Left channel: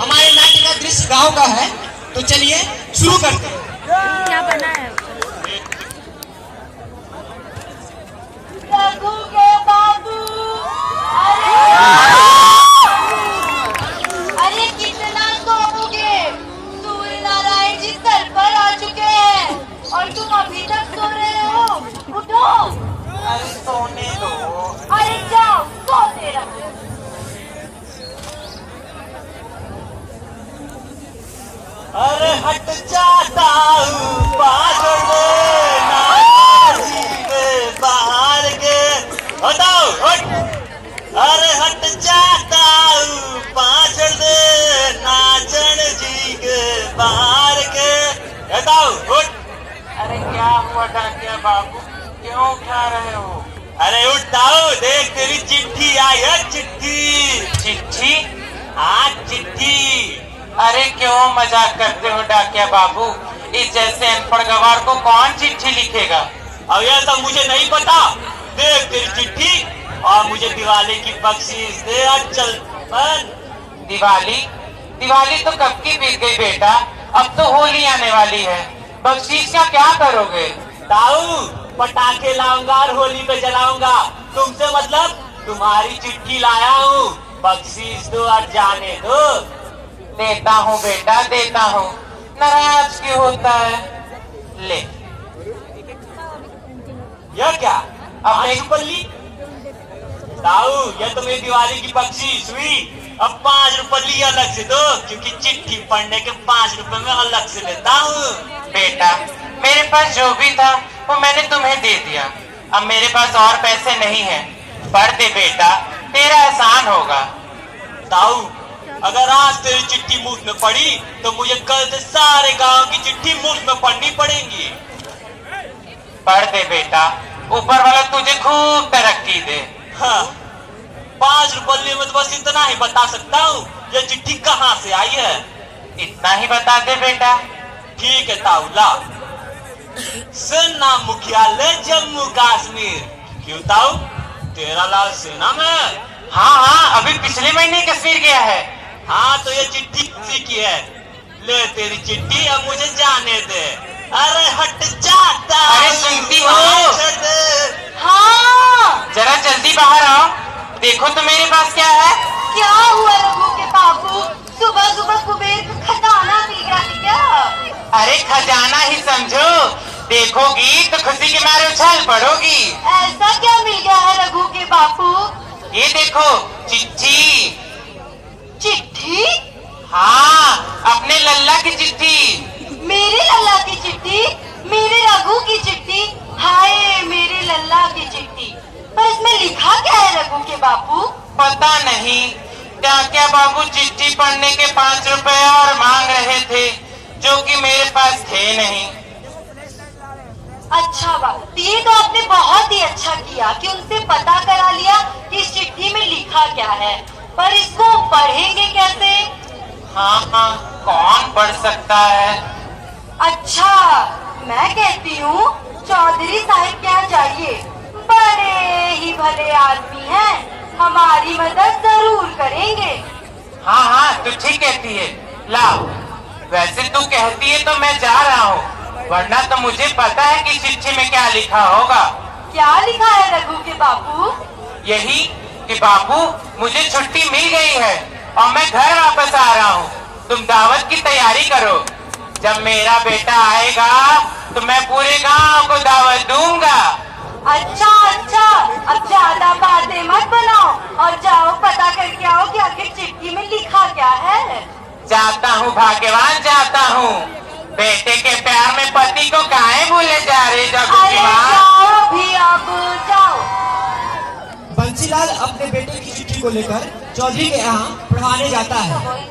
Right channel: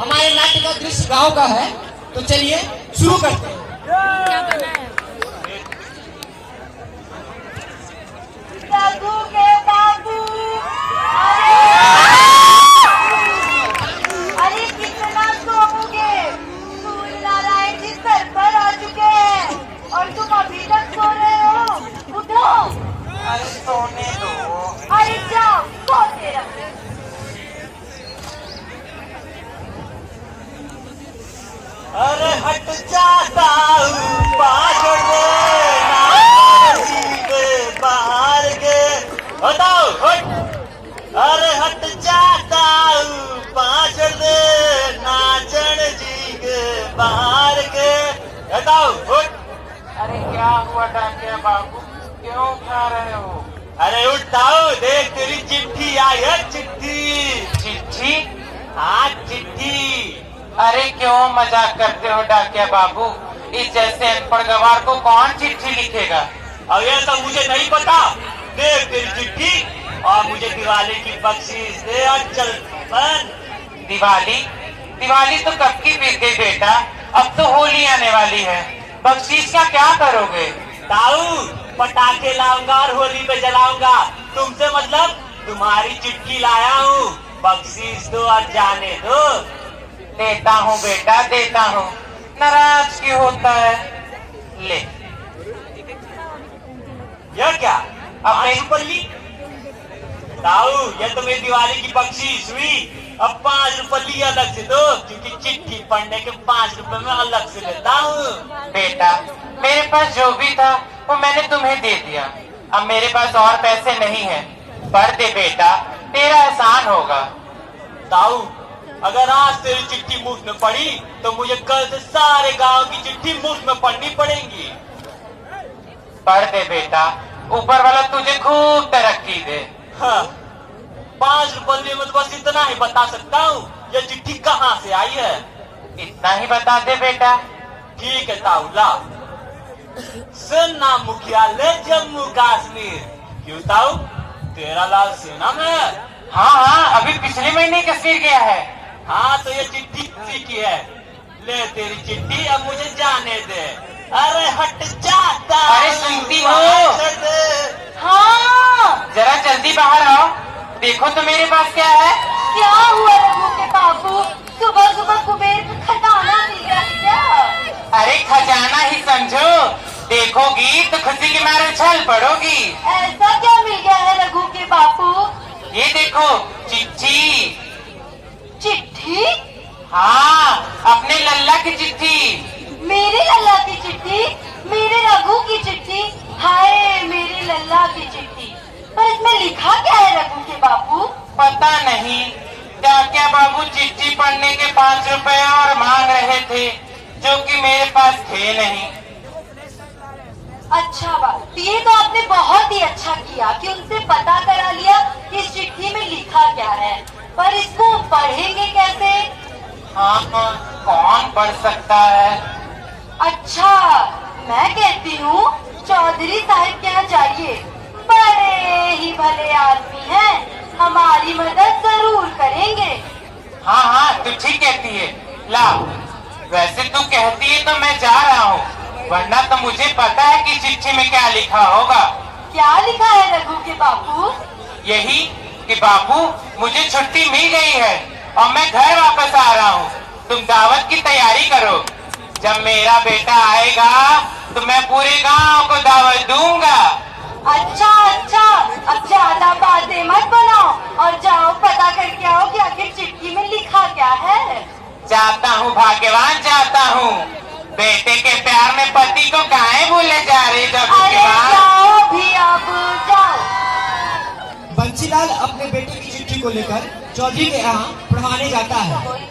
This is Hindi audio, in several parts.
हमारे नाट्य का दृश्य गांव का है, तो चलिए शुरू करते हैं। क्या बना है? रघु के बाबू, अरे कितना सोओगे? सूर्य नारायण जी सर पर आ चुके हैं और तुम अभी तक सो रहे हो। उठो। अरे सोने दो। अरे जाओ सोते रहो। अरे हट जाता हूँ बाहर गे, हटाओ हट। अरे हट जाता हूँ पाछड़ दे नाचन जी के बाहर के, हटाओ हट। अरे क्या हुआ डाकिया बाबू, क्यों खा रहे हो? अरे उठाओ, देख तेरी चिट्ठी आई है। चिट्ठी? चिट्ठी? हाँ चिट्ठी। अरे क्यों मजाक करते हो डाकिया बाबू, इस जैसे अनपढ़ गवार को कौन चिट्ठी लिखेगा? अब यह सब मुझे नहीं पता। देख तेरी चिट्ठी और मुझे दिवाली की बख्शीश दे। और चल दिवाली? दिवाली तो कब की बीत गई बेटा, अब तो होली आने वाली है। बख्शीश का क्या करोगे? ताऊ पटाखे लाऊंगा और होली पे जलाऊंगा। तुमसे मतलब? तुम्हारी चिट्ठी लाया हूँ, बख्शीश दो और जाने दो। देता हूँ बेटा देता हूँ, नाराज क्यों होता है? ले। यह क्या? अब नहीं पल्ली? ताऊ यह तो मेरी दिवाली की बख्शीश हुई। अब 5 रुपये अलग से दो, क्योंकि चिट्ठी पढ़ने के 5 रुपए में अलग से लेता हूँ। बेटा मेरे पास जो भी था वो मैंने तुम्हें दे दिया, अब मेरे पास और पैसे नहीं है। पढ़ दे बेटा, तेरा एहसान होगा। ताऊ अगर आज तेरी चिट्ठी मुफ्त में पड़ी तो मुझे कल से सारे गांव की चिट्ठी मुफ्त में पढ़नी पड़ेगी। पढ़ दे बेटा, ऊपर वाला तुझे खूब तरक्की दे। हाँ, 5 रुपये में तो बस इतना ही बता सकता हूँ, ये चिट्ठी कहाँ से आई है। इतना ही बता दे बेटा। ठीक है ताऊ ला। सेना मुख्यालय जम्मू कश्मीर। क्यों ताऊ, तेरा लाल सेना में? हाँ हाँ, अभी पिछले महीने कश्मीर गया है। हाँ तो ये चिट्ठी किसी की है? ले तेरी चिट्ठी, अब मुझे जाने दे। अरे हट जाता। अरे सुनती हो? हाँ जरा जल्दी बाहर आओ, देखो तो मेरे पास क्या है। क्या हुआ रघु के बाबू? सुबह सुबह कुबेर में खजाना मिल गया क्या? अरे खजाना ही समझो, देखोगी तो खुशी के मारे उछल पड़ोगी। ऐसा क्या मिल गया है रघु के बाबू? ये देखो चिट्ठी। चिट्ठी? हाँ, अपने लल्ला की चिट्ठी। मेरे लल्ला की चिट्ठी? मेरे रघु की चिट्ठी? हाय मेरे लल्ला की चिट्ठी, पर इसमें लिखा क्या है रघु के बाबू? पता नहीं, क्या बाबू चिट्ठी पढ़ने के 5 रुपए और मांग रहे थे, जो कि मेरे पास थे नहीं। अच्छा बाबू, ये तो आपने बहुत ही अच्छा किया कि उनसे पता करा लिया कि इस चिट्ठी में लिखा क्या है, पर इसको पढ़ेंगे कैसे? हाँ हाँ, कौन पढ़ सकता है? अच्छा मैं कहती हूँ चौधरी साहब के यहाँ जाइए, बड़े ही भले आदमी हैं, हमारी मदद जरूर करेंगे। हाँ हाँ, तू ठीक कहती है। ला, वैसे तू कहती है तो मैं जा रहा हूँ, वरना तो मुझे पता है कि चिट्ठी में क्या लिखा होगा। क्या लिखा है रघु के बाबू? यही कि बाबू मुझे छुट्टी मिल गई है और मैं घर वापस आ रहा हूँ, तुम दावत की तैयारी करो। जब मेरा बेटा आएगा तो मैं पूरे गांव को दावत दूंगा। अच्छा अच्छा, अब ज्यादा बातें मत बनाओ और जाओ पता करके आओ कि आखिर चिट्ठी में लिखा क्या है। जाता हूँ भाग्यवान जाता हूँ, बेटे के प्यार में पति को काहे भूले जा रही जब अरे जाओ भी अब जाओ। बंसीलाल अपने बेटे की चिट्ठी को लेकर चौधरी के यहाँ पढ़ाने जाता है।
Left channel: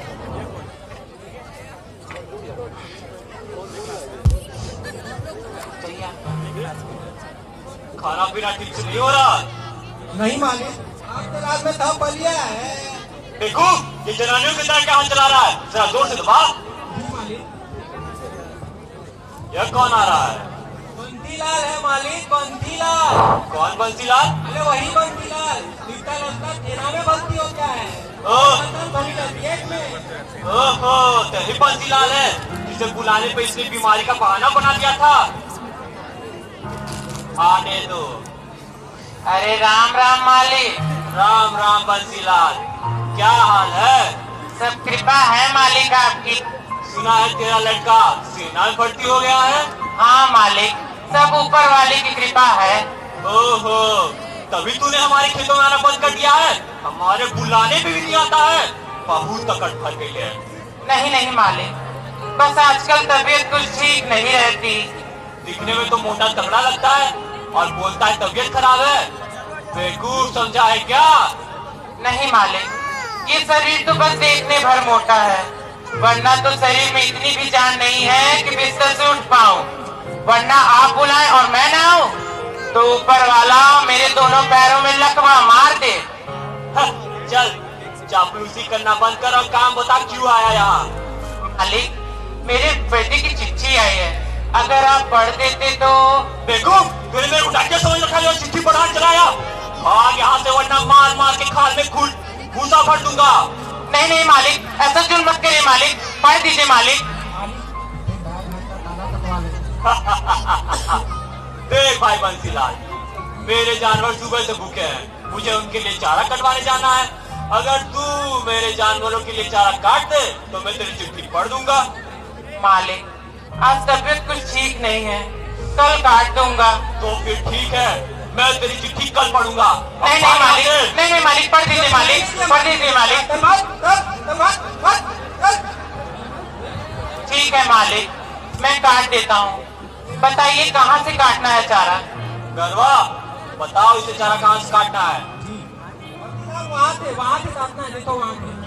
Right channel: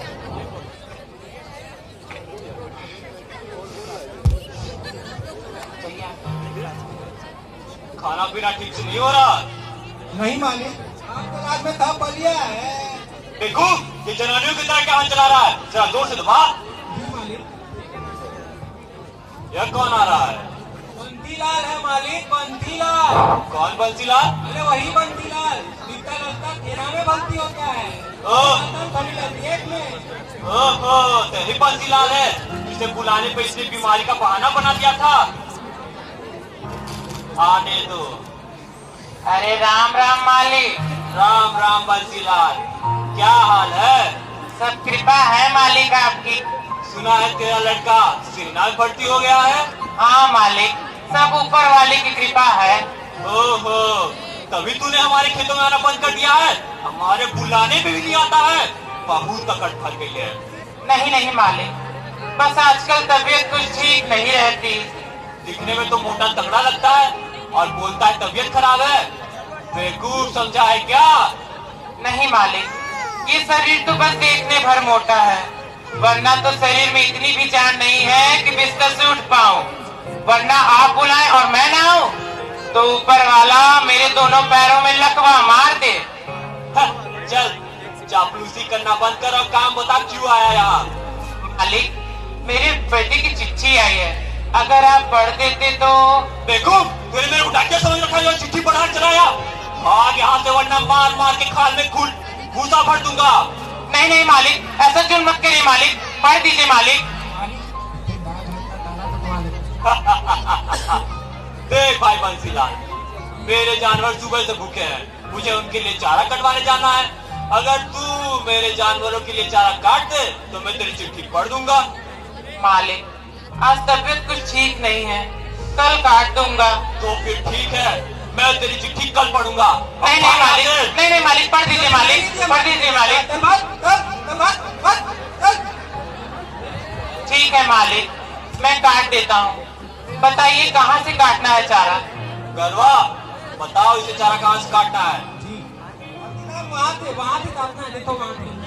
खाना पीना ठीक से नहीं हो रहा? नहीं मालिक, आज तो रात में था पलिया है। देखो ये जनानियों के तरह क्या हाथ चला रहा है, जरा जोर से दबा। जी मालिक। यह कौन आ रहा है? बंसीलाल है मालिक, बंसीलाल। कौन बंसीलाल? अरे वही बंसीलाल, दिखता लगता तेरा में बंसी होता है। ओ में ओहो, तेरी बंसीलाल है जिसे बुलाने पे इसने बीमारी का बहाना बना दिया था। आने दो। अरे राम राम मालिक। राम राम बंसीलाल, क्या हाल है? सब कृपा है मालिक आपकी। सुना है तेरा लड़का सेना में भर्ती हो गया है। हाँ मालिक, सब ऊपर वाले की कृपा है। ओहो, तभी तूने हमारे खेतों में आना बंद कर दिया है। हमारे बुलाने पे भी नहीं आता है। बहुत तकड़ फट गई है। नहीं नहीं मालिक, बस आजकल तबीयत कुछ ठीक नहीं रहती। दिखने में तो मोटा तगड़ा लगता है और बोलता है तबीयत खराब है। बेवकूफ समझा है क्या? नहीं मालिक, ये शरीर तो बस देखने भर मोटा है, वरना तो शरीर में इतनी भी जान नहीं है कि बिस्तर से उठ पाऊं। वरना आप बुलाएं और मैं ना आऊं तो ऊपर वाला मेरे दोनों पैरों में लकवा मार दे। चल चापलूसी करना बंद कर और काम बता क्यों आया यहाँ। मालिक, मेरे बेटे की चिट्ठी आई है, अगर आप पढ़ देते तो। बेवकूफ, तूने मेरे को डाकिया समझ रखा है, चिट्ठी पढ़ाने चलाया। भाग यहाँ से वरना मार मार के खाल में घूसा भर दूंगा। नहीं नहीं मालिक, ऐसा जुल्म मत करिए मालिक, पढ़ दीजिए मालिक। देख भाई बंसीलाल, मेरे जानवर सुबह से भूखे हैं, मुझे उनके लिए चारा कटवाने जाना है। अगर तू मेरे जानवरों के लिए चारा काट दे तो मैं तेरी चिट्ठी पढ़ दूंगा। मालिक, आज तबीयत कुछ ठीक नहीं है, कल काट दूंगा। तो फिर ठीक है, मैं तेरी चिट्ठी कल पढ़ूंगा। नहीं नहीं मालिक, नहीं नहीं मालिक, पढ़ दीजिए मालिक, पढ़ दीजिए मालिक। ठीक है मालिक, मैं काट देता हूँ। बताइए कहाँ से काटना है चारा? गरवा, बताओ इसे चारा कहाँ से काटना है? वहाँ से काटना है, देखो वहाँ से।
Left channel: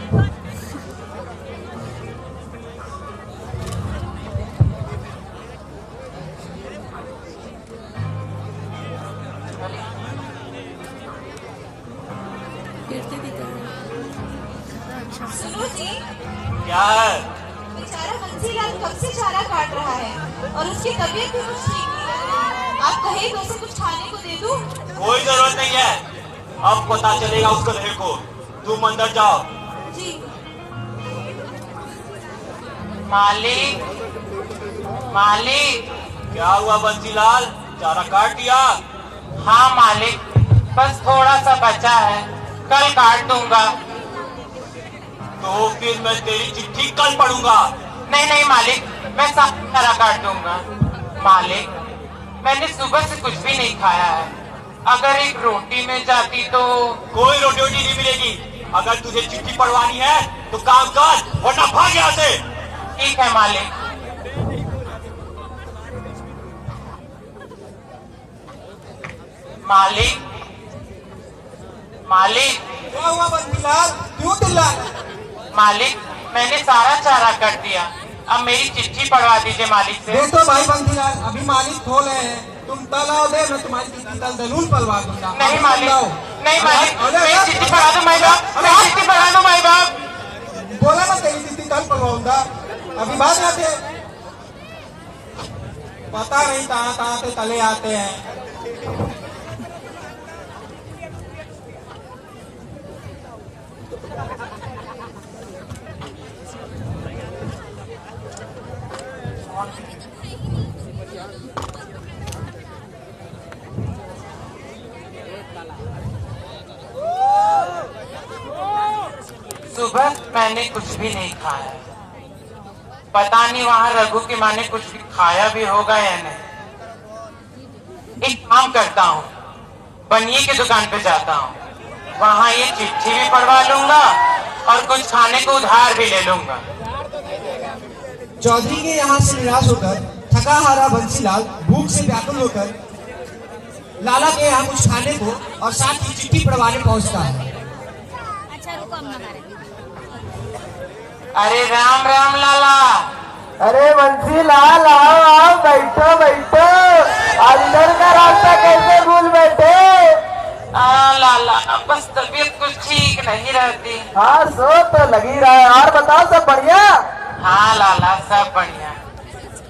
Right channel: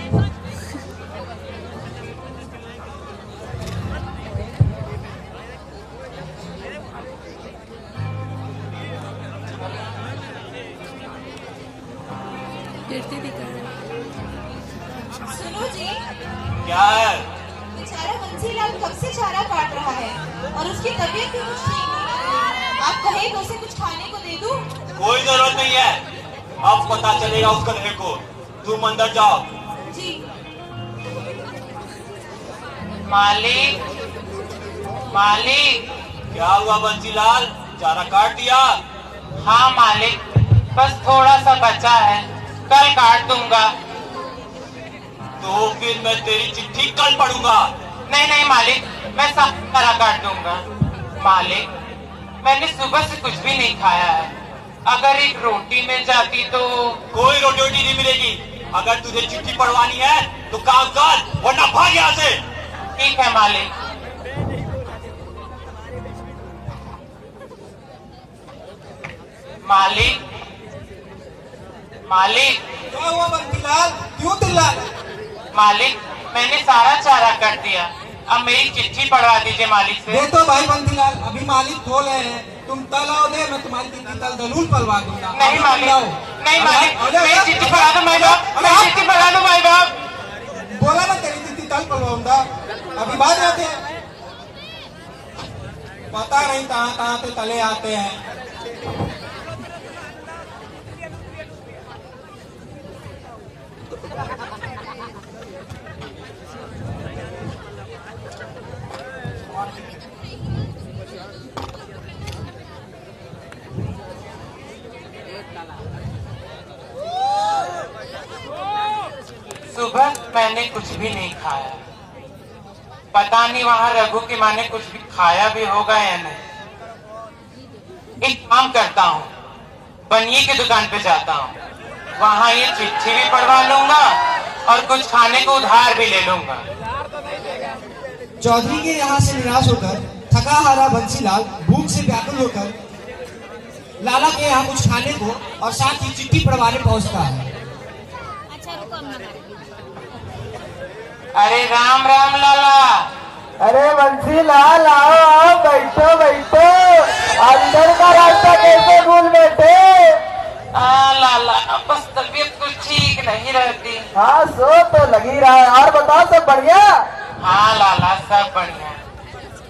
सुनो जी, क्या है? बेचारा बंसीलाल कब से चारा काट रहा है और उसकी तबीयत भी कुछ ठीक नहीं है। आप कहे तो उसे कुछ खाने को दे दूं? कोई जरूरत नहीं है, अब पता चलेगा उस कलहे को। तुम अंदर जाओ। जी। मालिक, मालिक। क्या हुआ बंसीलाल, चारा काट दिया? हाँ मालिक, बस थोड़ा सा बचा है, कल काट दूंगा। तो फिर मैं तेरी चिट्ठी कल पढ़ूंगा। नहीं नहीं मालिक, मैं सारा काट दूंगा। मालिक, मैंने सुबह से कुछ भी नहीं खाया है, अगर एक रोटी मिल जाती तो। कोई रोटी वोटी नहीं मिलेगी। अगर तुझे चिट्ठी पढ़वानी है तो काम कर, वरना भाग यहाँ से। ठीक है मालिक। मालिक, मालिक, क्या हुआ बंसीलाल, क्यों चिल्लाए? मालिक, मैंने सारा चारा काट दिया, अब मेरी चिट्ठी पढ़वा दीजिए मालिक से। देखो भाई बंसीलाल, अभी मालिक खोल रहे हैं, तुम कल आओ दे, मैं तुम्हारी चिट्ठी कल जरूर पढ़वा दूंगा। नहीं मालिक, नहीं मालिक, मेरी चिट्ठी पढ़ा दो माई बाप, मेरी चिट्ठी पढ़ा दो माई बाप। बोला ना तेरी चिट्ठी कल पढ़वाऊंगा, अभी बात आते हैं। पता नहीं कहाँ कहाँ से तले आते हैं। सुबह मैंने कुछ भी नहीं खाया, पता नहीं वहाँ रघु की माँ ने कुछ भी खाया भी होगा या नहीं। एक काम करता हूँ, बनिए की दुकान पे जाता हूँ, वहाँ ये चिट्ठी भी पढ़वा लूंगा और कुछ खाने को उधार भी ले लूंगा। चौधरी के यहाँ से निराश होकर थका हारा बंसीलाल भूख से व्याकुल होकर लाला के यहाँ कुछ खाने को और साथ ही चिट्ठी पढ़वाने पहुँचता है। अरे राम राम लाला। अरे बंसीलाल, आओ आओ, बैठो बैठो, अंदर का रास्ता कैसे भूल बैठे? लाला, बस तबीयत कुछ ठीक नहीं रहती। हाँ, सो तो लगी रहा है। और बताओ, सब बढ़िया? हाँ लाला, सब बढ़िया।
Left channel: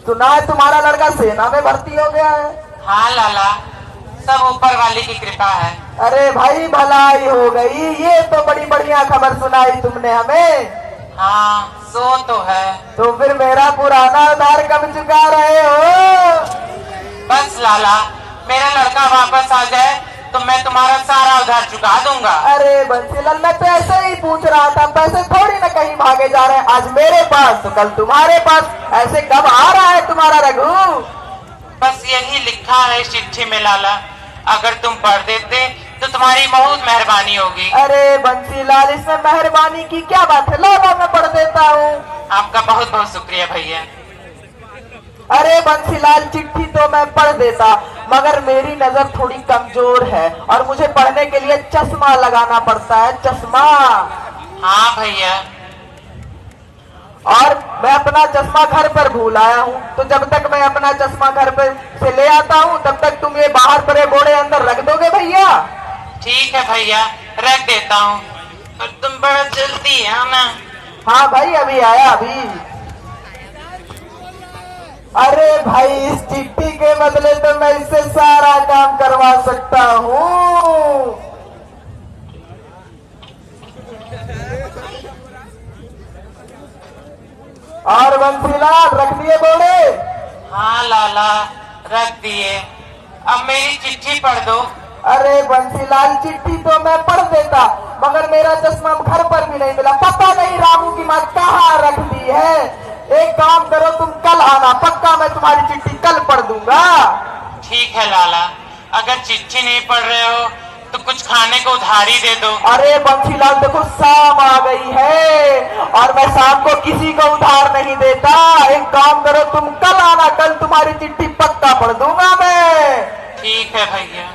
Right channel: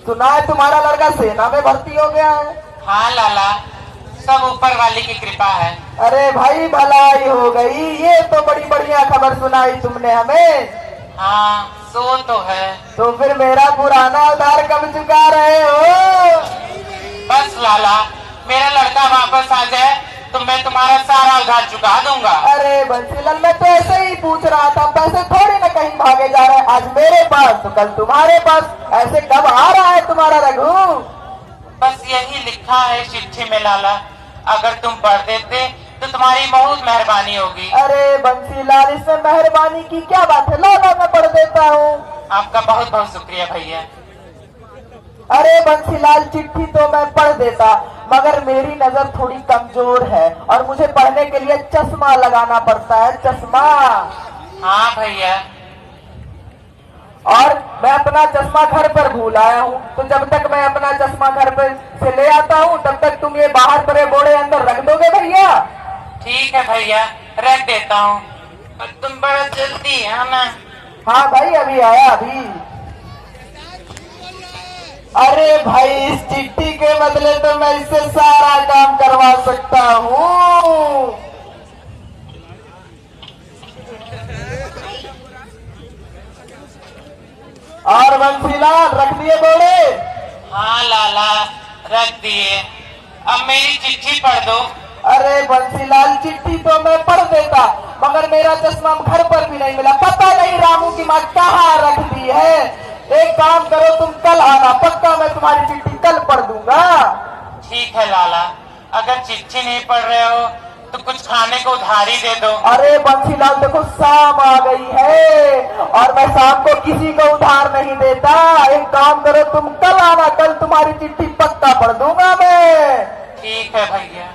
सुना है तुम्हारा लड़का सेना में भर्ती हो गया है? हाँ लाला, सब ऊपर वाले की कृपा है। अरे भाई, भलाई हो गई, ये तो बड़ी बढ़िया खबर सुनाई तुमने हमें। हाँ सो तो है। तो फिर मेरा पुराना उधार कब चुका रहे हो? बस लाला, मेरा लड़का वापस आ जाए तो मैं तुम्हारा सारा उधार चुका दूंगा। अरे बंसीलाल, मैं तो ऐसे ही पूछ रहा था, पैसे थोड़ी ना कहीं भागे जा रहे हैं। आज मेरे पास तो कल तुम्हारे पास, ऐसे कब आ रहा है तुम्हारा रघु? बस यही लिखा है चिट्ठी में लाला, अगर तुम पढ़ देते तो तुम्हारी बहुत मेहरबानी होगी। अरे बंसीलाल, इसमें मेहरबानी की क्या बात है? लो मैं पढ़ देता हूँ। आपका बहुत बहुत शुक्रिया भैया। अरे बंसीलाल, चिट्ठी तो मैं पढ़ देता, मगर मेरी नजर थोड़ी कमजोर है और मुझे पढ़ने के लिए चश्मा लगाना पड़ता है, चश्मा। हाँ भैया। और मैं अपना चश्मा घर पर भूल आया हूँ, तो जब तक मैं अपना चश्मा घर पर से ले आता हूँ तब तक तुम ये बाहर पड़े बोड़े अंदर रख दोगे भैया? ठीक है भैया, रख देता हूँ, पर तुम बड़ा जल्दी आना। हाँ भाई, अभी आया अभी। अरे भाई, इस चिट्ठी के बदले तो मैं इससे सारा काम करवा सकता हूँ। और बंसीलाल, रख दिए बोले? हाँ लाला, रख दिए। अब मेरी चिट्ठी पढ़ दो। अरे बंसीलाल, चिट्ठी तो मैं पढ़ देता, मगर मेरा चश्मा घर पर भी नहीं मिला। पता नहीं रामू की माँ कहाँ रख दी है। एक काम करो, तुम कल आना, पक्का मैं तुम्हारी चिट्ठी कल पढ़ दूंगा। ठीक है लाला, अगर चिट्ठी नहीं पढ़ रहे हो तो कुछ खाने को उधारी दे दो। अरे बंसीलाल, देखो शाम आ गई है और मैं शाम को किसी को उधार नहीं देता। एक काम करो, तुम कल आना, कल तुम्हारी चिट्ठी पक्का पढ़ दूंगा मैं। ठीक है भैया।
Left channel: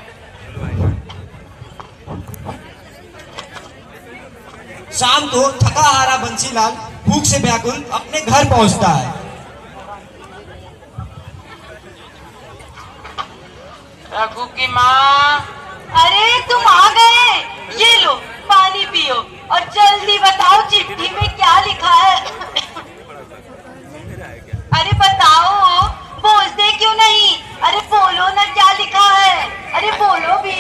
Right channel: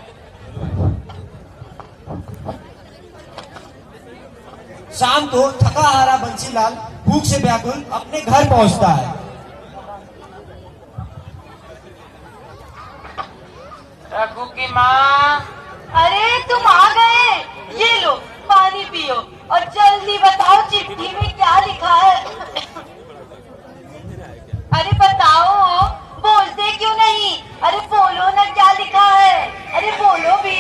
शाम को थका हारा बंसीलाल भूख से व्याकुल अपने घर पहुंचता है। रघु की माँ। अरे तुम आ गए, ये लो पानी पियो और जल्दी बताओ चिट्ठी में क्या लिखा है। अरे बताओ, बोलते क्यों नहीं? अरे बोलो ना, क्या लिखा है? अरे बोलो भी।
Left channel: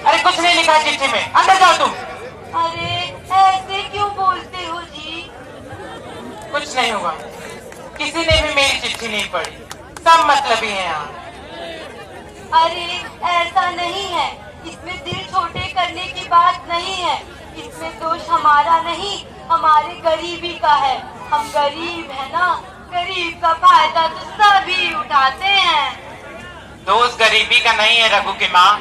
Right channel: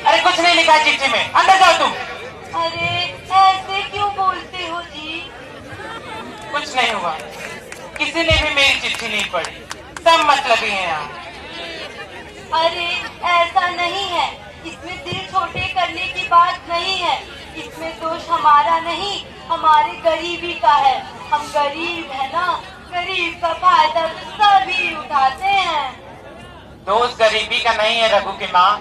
अरे कुछ नहीं लिखा चिट्ठी में, अंदर जाओ तुम। अरे ऐसे क्यों बोलते हो जी? कुछ नहीं हुआ, किसी ने भी मेरी चिट्ठी नहीं पढ़ी, सब मतलबी हैं यहाँ। अरे ऐसा नहीं है, इसमें दिल छोटे करने की बात नहीं है। इसमें दोष हमारा नहीं, हमारे गरीबी का है। हम गरीब है ना, गरीब का फायदा तो सभी उठाते हैं। दोष गरीबी का नहीं है रघु की माँ,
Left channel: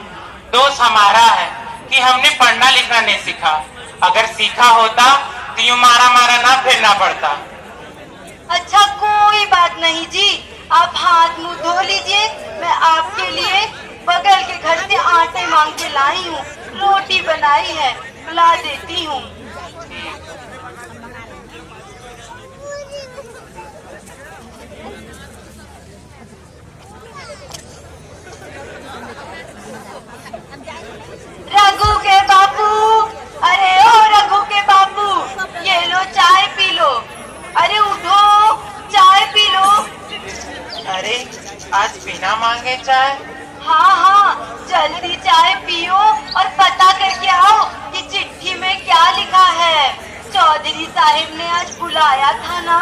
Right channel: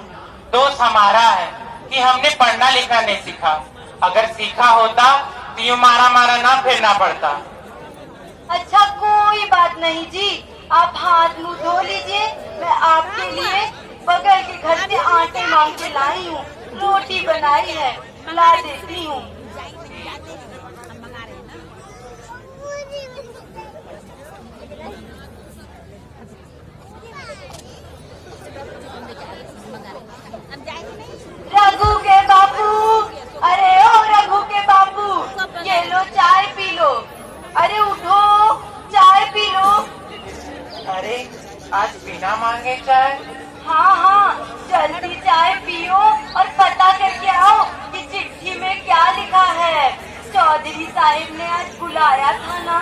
दोष हमारा है कि हमने पढ़ना लिखना नहीं सीखा। अगर सीखा होता तो यूं मारा मारा ना फिरना पड़ता। अच्छा कोई बात नहीं जी, आप हाथ मुंह धो लीजिए। मैं आपके लिए बगल के घर से आटे मांग के लाई हूँ, रोटी बनाई है, ला देती हूँ। रघु के बापू, अरे ओ रघु के बापू, ये लो चाय पी लो। अरे उठो, चाय पी लो। अरे आज बिना मांगे चाय? हाँ हाँ, जल्दी चाय पियो और पता करके आओ कि चिट्ठी में क्या लिखा है। चौधरी साहिब ने आज बुलाया था ना।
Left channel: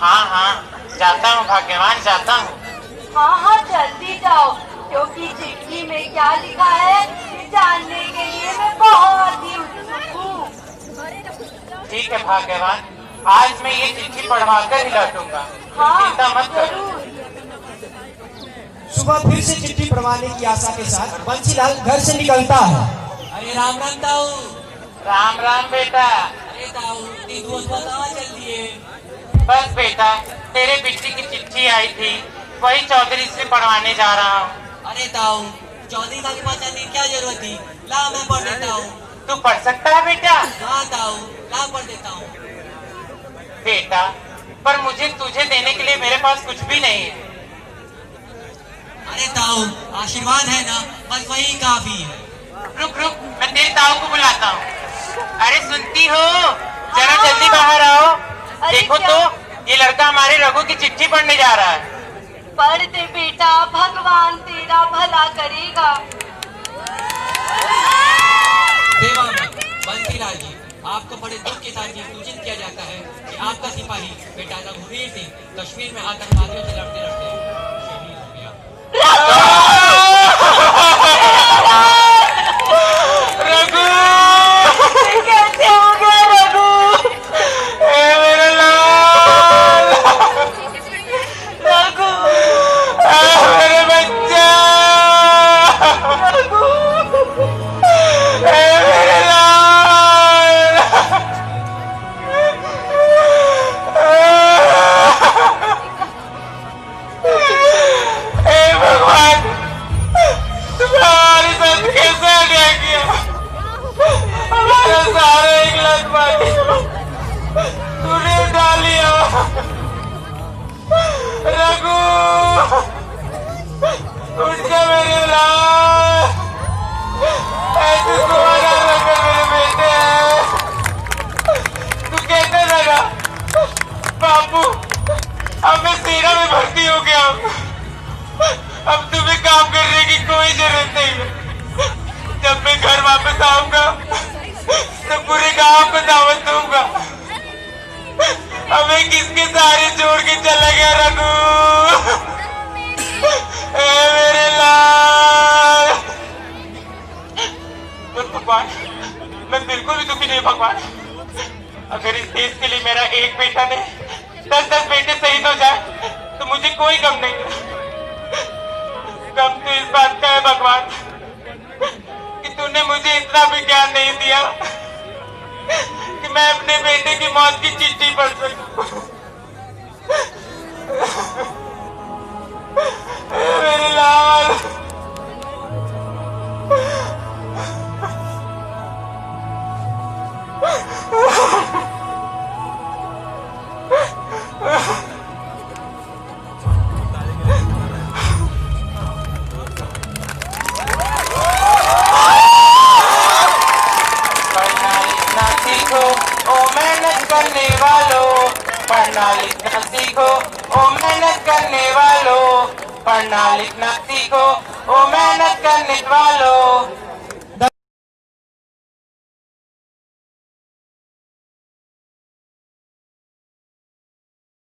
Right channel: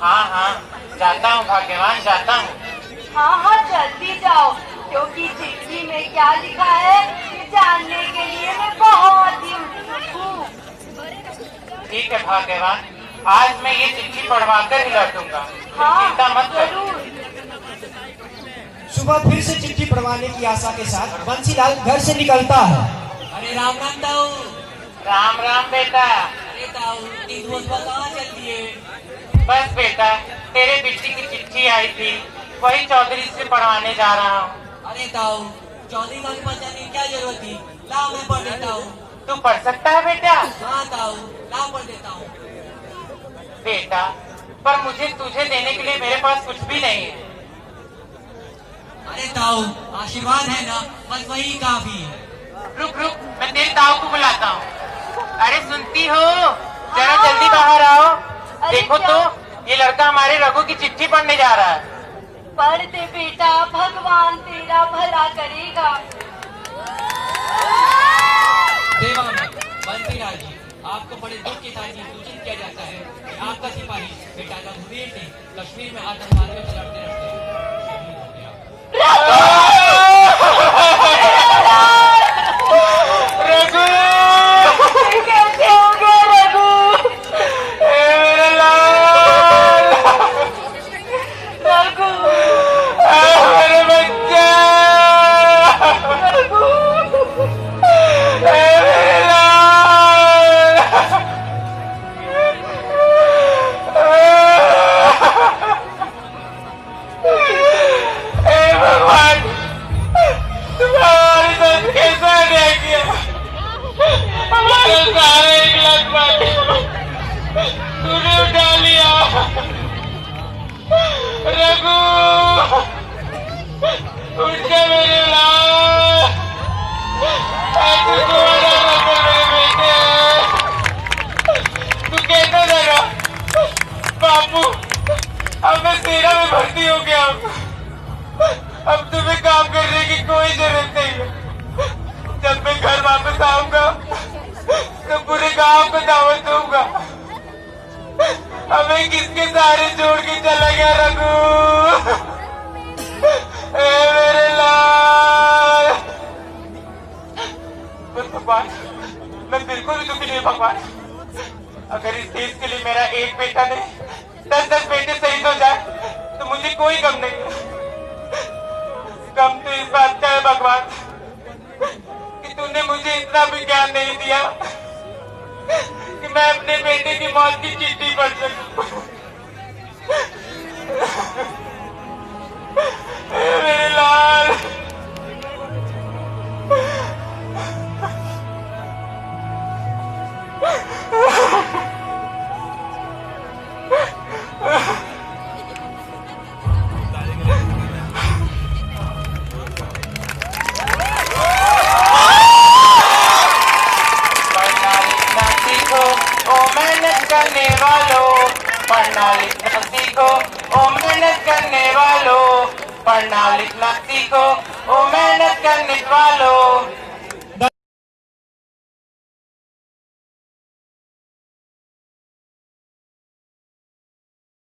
हाँ हाँ, जाता हूँ भाग्यवान, जाता हूँ। हाँ हाँ, जल्दी जाओ, क्योंकि चिट्ठी में क्या लिखा है ये जानने के लिए मैं बहुत ही उत्सुक हूँ। ठीक है भाग्यवान, आज मैं ये चिट्ठी पढ़वा कर ही लौटूंगा, तुम हाँ चिंता मत करो। जरूर। सुबह फिर से चिट्ठी पढ़वाने की आशा के साथ बंसीलाल घर से निकलता है। अरे राम राम ताऊ। राम राम बेटा। अरे ताऊ, तीन रोज बाद आ जल्दी है। बस बेटा, तेरे बेटी की चिट्ठी आई थी, वही चौधरी से पढ़वाने जा रहा हूँ। अरे ताऊ, चौधरी साहब के पास जाने की क्या जरूरत थी? ला मैं पढ़ देता हूँ। तू पढ़ सकता है बेटा? हाँ ताऊ, ला पढ़ देता हूँ। बेटा, पर मुझे तुझे देने के लिए मेरे पास कुछ भी नहीं है। अरे ताऊ, आशीर्वाद है ना, बस वही काफी है। रुक रुक, मैं तेरे ताऊ को बुलाता हूँ। अरे सुनती हो, जरा जल्दी बाहर आओ। देखो तो, ये लड़का हमारे रघु की चिट्ठी पढ़ने जा रहा है। पढ़ दे बेटा, भगवान तेरा भला करेगा। सेवा में बंसीलाल जी, आपको बड़े दुख के साथ ये सूचित किया जाता है कि आपका सिपाही बेटा रघुवीर सिंह कश्मीर में आतंकवादियों से लड़ते लड़ते शहीद हो गया। रघु कैसे हो गया रघु? ए मेरा लाल रघु, मेरे बच्चा रघु, ए मेरे लाल, ए भगवान तुम्हारे साथ कैसे रह गया? हमारे सारे इकलौत बाटे तूने उठा लिया। रघु उठ जा मेरे लाल, ऐसे तुम्हारा रघु मेरे बेटे। तू कहता लगा बापू अब मैं सेना में भर्ती हो गया हूँ, अब तुम्हें काम करने की कोई जरूरत नहीं है। जब मैं घर वापस आऊंगा तो पूरे गांव को दावत दूंगा। हमें किसके सहारे छोड़ के चला गया रघु? ए मेरे लाल। पर भगवान मैं बिल्कुल भी दुखी नहीं भगवान। अगर इस देश के लिए मेरा एक बेटा नहीं 10-10 बेटे शहीद हो जाए तो मुझे कोई गम नहीं है। गम तो इस बात का है भगवान कि तूने मुझे इतना भी ज्ञान नहीं दिया कि मैं अपने बेटे की मौत की चिट्ठी पढ़ सकूं। मेरे लाल करने वालों, पढ़ना लिखना सीखो ओ मेहनत करने वालों, पढ़ना लिखना सीखो ओ मेहनत करने वालों।